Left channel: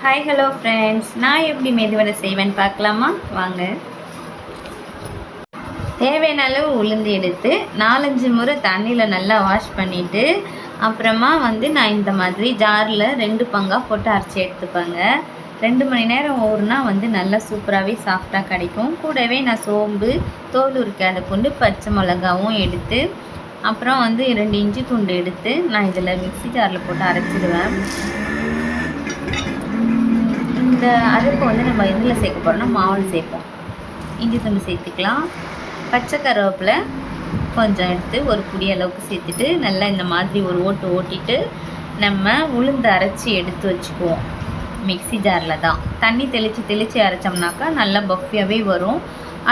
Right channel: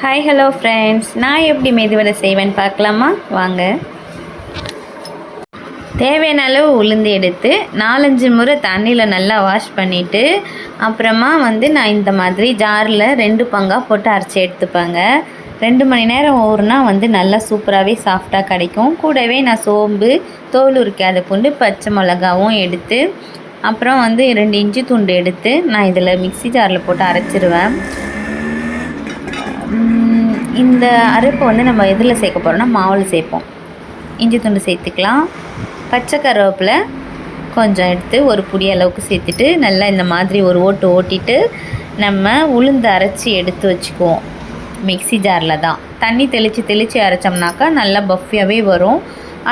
Hi hello friends நான் எப்படி மெதுவடை செய்வேன்னு பார்க்கலாமா? வாங்க. தேவையான அளவு உளுந்து எடுத்து நாலஞ்சு முறை தண்ணியில் நல்லா வாஷ் பண்ணிவிட்டு அப்புறமா வந்து நான் இந்த மாதிரி ஜாரில் ரெண்டு பங்காக போட்டு அரைச்சி எடுத்துப்பாங்க. ரெண்டு மணி நேரம் ஊறுனா வந்து நல்லா சூப்பராகவே சாஃப்டாக கிடைக்கும். கூடவே நான் சோம்பு தோல் உரிக்காத கொண்டு பச்சை மிளகாவும் எடுத்து அப்புறம் வந்து ரெண்டு இஞ்சி துண்டு எடுத்து நான் இதில் மிக்சி ஜாரில் போட்டு அரைச்சிருவேன். இந்த அரைப்பை வந்து நம்ம எதில் சேர்க்க போகிறோம்னா மாவில் சேர்ப்போம். இஞ்சி துண்டு சேர்த்துக்கலாம். பச்சை கருவேப்பிலை கொஞ்சம் எடுத்து ஒரு புடி அளவுக்கு சேர்த்துட்டு நல்லா இந்த மாதிரி ஒரு ஓட்டு ஓட்டிட்டு நம்ம உளுந்து அரைச்சி எடுத்து வச்சுக்குவோம். மிக்ஸி ஜாரில் தான். தண்ணி தெளித்து தெளித்து அரைச்சோம்னாக்கா நல்லா பஃபியாகவே வரும்.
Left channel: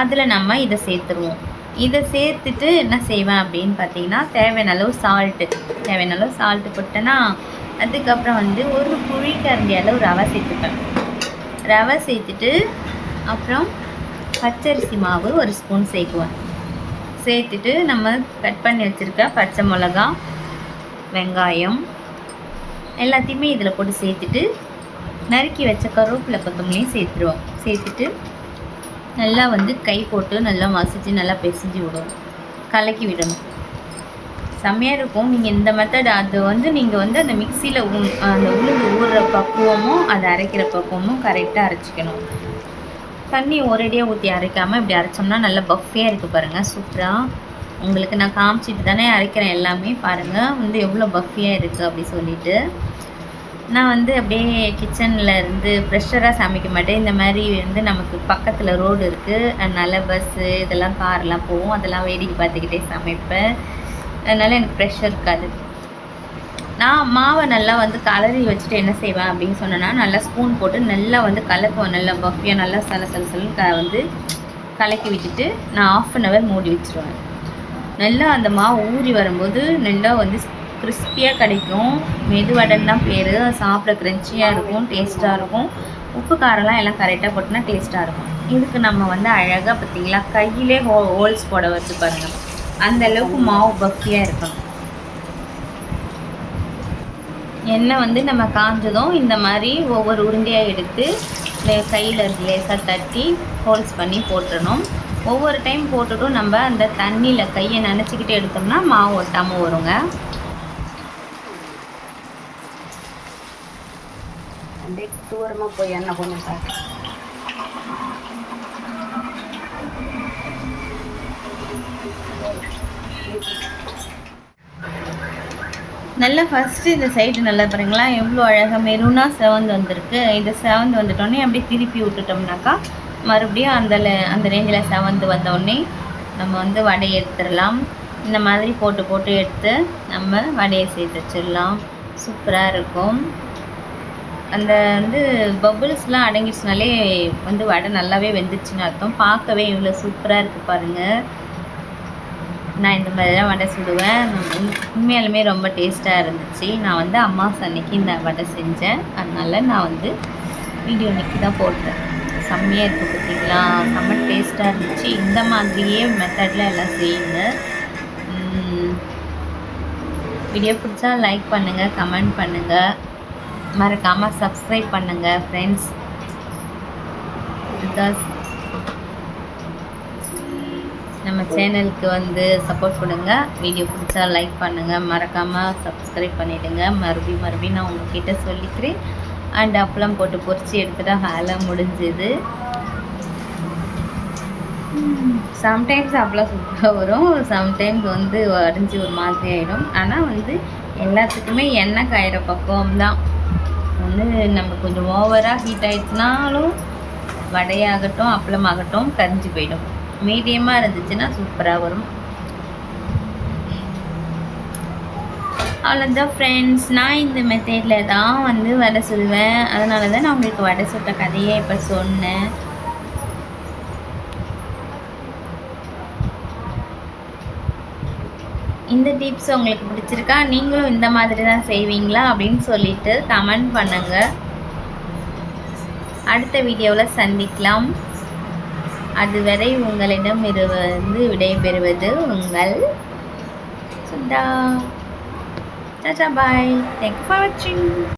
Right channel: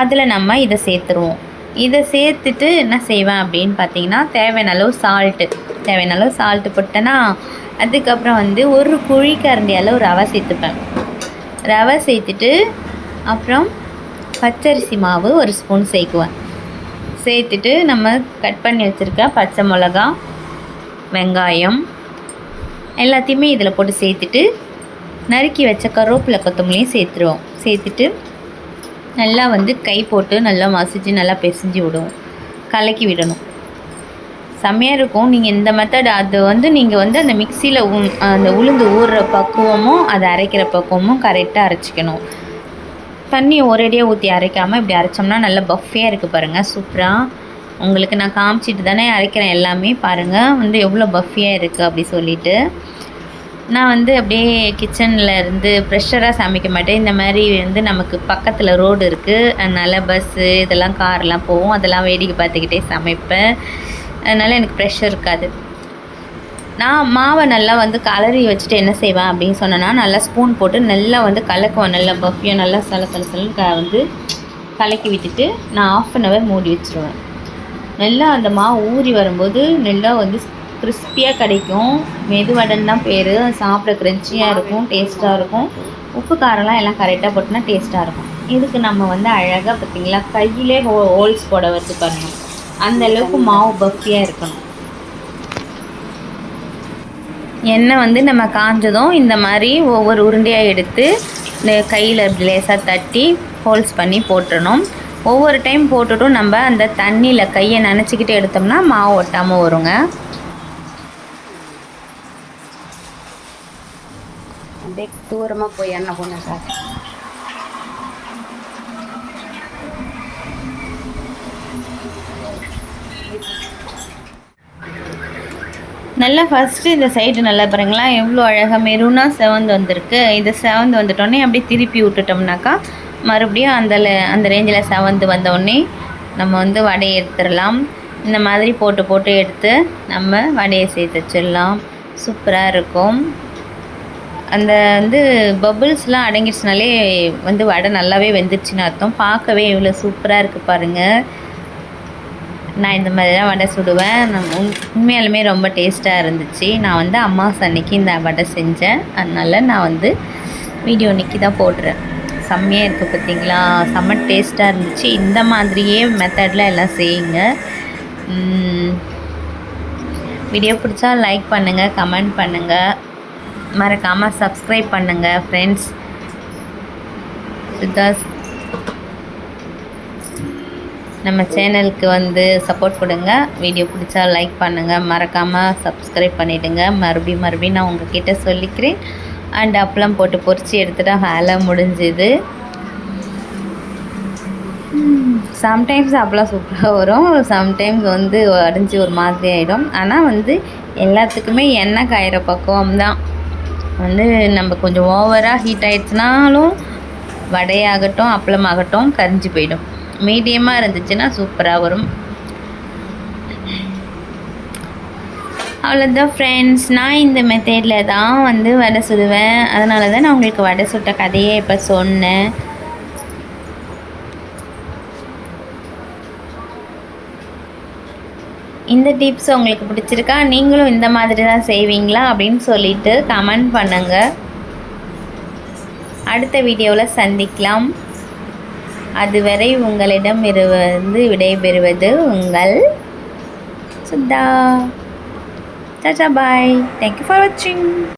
அதில் நம்ம இதை சேர்த்துருவோம். இதை சேர்த்துட்டு என்ன செய்வேன் அப்படின்னு பார்த்தீங்கன்னா தேவையான அளவு சால்ட்டு தேவையான அளவு சால்ட்டு போட்டேன்னா அதுக்கப்புறம் வந்து ஒரு குழிக்கரண்டி அளவு ரவை சேர்த்துப்பேன். ரவை சேர்த்துட்டு அப்புறம் பச்சரிசி மாவு ஒரு ஸ்பூன் சேர்க்குவேன். சேர்த்துட்டு நம்ம கட் பண்ணி வச்சுருக்க பச்சை மிளகா வெங்காயம் எல்லாத்தையுமே இதில் போட்டு சேர்த்துட்டு நறுக்கி வச்ச கருவேப்பிலை கொத்தமல்லியும் சேர்த்துருவோம். சேர்த்துட்டு நல்லா வந்து கை போட்டு நல்லா மசிச்சு நல்லா பிசைஞ்சு விடுவோம். கலக்கி விடணும். செம்மையாக இருக்கும். நீங்கள் இந்த மெத்தட் அது வந்து நீங்கள் வந்து அந்த மிக்சியில் அந்த உளுந்து ஊறுற பக்குவமும் அதை அரைக்கிற பக்குவமும் கரெக்டாக அரைச்சிக்கணும். தண்ணி ஒரேடியாக ஊற்றி அரைக்காமல் இப்படி அரைச்சோம்னா நல்லா பஃபியாக இருக்குது பாருங்கள் சூப்பராக உங்களுக்கு நான் காமிச்சிட்டு தானே அரைக்கிறேன் எல்லாமே. பாருங்கள் வந்து எவ்வளோ பஃபியாக இருக்குது அப்படி சொல்லிட்டு. நான் வந்து அப்படியே கிச்சனில் இருந்து ப்ரெஷராக சமைக்க மாட்டேன். இந்த மாதிரி வந்து நமக்கு பக்கத்தில் ரோடு இருக்குது அதனால் பஸ்ஸு இதெல்லாம் கார்லாம் போகும். அதெல்லாம் வேடிக்கை பார்த்துக்கிட்டே சமைப்பேன். அதனால் எனக்கு ப்ரெஷர் இருக்காது. நான் மாவை நல்லா வந்து கலரி வச்சுட்டு என்ன செய்வேன் அப்படின்னு சொன்னேன்னா நல்லா ஸ்பூன் போட்டு நல்லா வந்து கலக்குவேன். நல்லா பஃபியாக நல்லா சல சல சலன்னு க வந்து கலக்கி விட்டுட்டு நான் ஆஃப் அன் ஹவர் மூடி வச்சுருவேன். நல்லா அந்த மாவு ஊறி வரும்போது நல்லா வந்து கிறிஸ்பியாக கிடைக்கும். மெதுவடன் தான் பேர் சாப்பிட க்ரன்ச்சியாக இருக்கும் டேஸ்ட்டாக இருக்கும். உப்பு காரம்லாம் எல்லாம் கரெக்டாக போட்டுனா டேஸ்ட்டாக இருக்கும். இதுக்கு நம்ம வந்து அழகாக பார்த்திங்களா? கையிலே ஹோ ஹோல்ஸ் போட வச்சு பாருங்கள் அந்த அளவுக்கு மாவு பஃபியாக இருக்கணும். எண்ணெய் வந்து நம்ம காஞ்சதும் இந்த மாதிரி ஒவ்வொரு உருண்டையாக எடுத்து கையில் லேசாக தட்டி ஹோல்ஸ் பண்ணி போட்டுடணும் ஒவ்வொரு டைம் போட்டுட்டும் நம்ம அந்த தண்ணியில் கையை நினச்சிக்கிட்டு எடுத்தோம்னா மாவு ஒட்டாமல் வருங்க. அப்படியே தூரமாக போய் எண்ணெய் போனேன் நல்லா ஃபஸ்ட்டு இந்த சைடு நல்லா பாருங்களா எவ்வளோ அழகாக மெரூனாக செவந்து வந்திருக்கு. இதை செவந்து வந்துட்டோடனே அப்படியே திருப்பி விட்டுட்டோம்னாக்கா மறுபடியும் அந்த அந்த ரேஞ்சில் செவந்து வந்தோடனே நம்ம வந்து வடையை எடுத்துடலாம். இந்த மாதிரி போட்டு போட்டு எடுத்து நம்ம வடையை சேர்த்து வச்சிடலாம். சூப்பராக இருக்கும். அந்த வந்து பபுள்ஸ்லாம் அடங்கிடுச்சுனாலே வந்து வடை நல்லாவே வெந்துருச்சுன்னு அர்த்தம். பார்க்கவே இவ்வளோ சூப்பராக இருக்குது பாருங்கள் நான் இந்த மாதிரி தான் வடை சுடுவேன். நான் உண் உண்மையாலுமே ரொம்ப டேஸ்ட்டாக இருந்துச்சு. நான் வந்து அம்மா அன்னைக்கு இந்த வடை செஞ்சேன். அதனால் நான் வந்து வீடியோ இன்றைக்கி தான் போடுறேன். செம்மையாக இருக்குது பார்த்தீங்களா செம்ம டேஸ்ட்டாக இருந்துச்சு. இந்த மாதிரியே மெத்தடில் எல்லாம் செய்யுங்க. வீடியோ பிடிச்சா லைக் பண்ணுங்கள் கமெண்ட் பண்ணுங்கள் மறக்காமல் சப்ஸ்கிரைப் பண்ணுங்கள் ஃப்ரெண்ட்ஸ் பிகாஸ் நம்ம சேனலுக்கு வந்து சப்போர்ட் கொடுங்க. வீடியோ பிடிச்சா லைக் பண்ணுங்கள் மறக்காமல் சப்ஸ்கிரைப் பண்ணிவிடுங்க மறுபடியும் மறுபடியும் நான் உங்ககிட்ட சொல்லிக்கிறேன். அண்ட் அப்பளம் போட்டு பொறிச்சு எடுத்துகிட்டா வேலை முடிஞ்சுது. சம்டைம்ஸ் அப்பெல்லாம் சூப்பராக வரும். சம்டைம்ஸ் வந்து அடைஞ்சு ஒரு மாதிரி ஆகிடும் ஆனால் வந்து எல்லாத்துக்குமே எண்ணெய் காயிற பக்குவம் தான். வந்து நம்ம கொஞ்சம் ஓவராக ஹீட் ஆகிடுச்சுனாலும் வடையாகட்டும் அப்பளமாகட்டும் கரிஞ்சு போயிடும். மீடியமாக இருந்துச்சுன்னா சூப்பராக வரும். அவ்வளோதான் ஃப்ரெண்ட்ஸ் நான் இந்த மெத்தேடில் தான் வந்து வடை சுடுவேன் அதனால தான் நான் உங்களுக்கு வடை சுட்ட கதையே இப்போ சொன்னேன். இந்த டிப்ஸ் உங்களுக்கு பிடிச்சிருக்கா? நீங்களும் இந்த மாதிரி தான் செய்வீங்களா? அப்படின்னு சொல்லிட்டு கமெண்ட் பண்ணுங்கள் அடுத்த வீடியோவில் சந்திக்கலாம். அதுவரை உங்களிடம் இருந்து விடைபெறுவது உங்கள் Sudha tata bye. Thank you for வாட்சிங்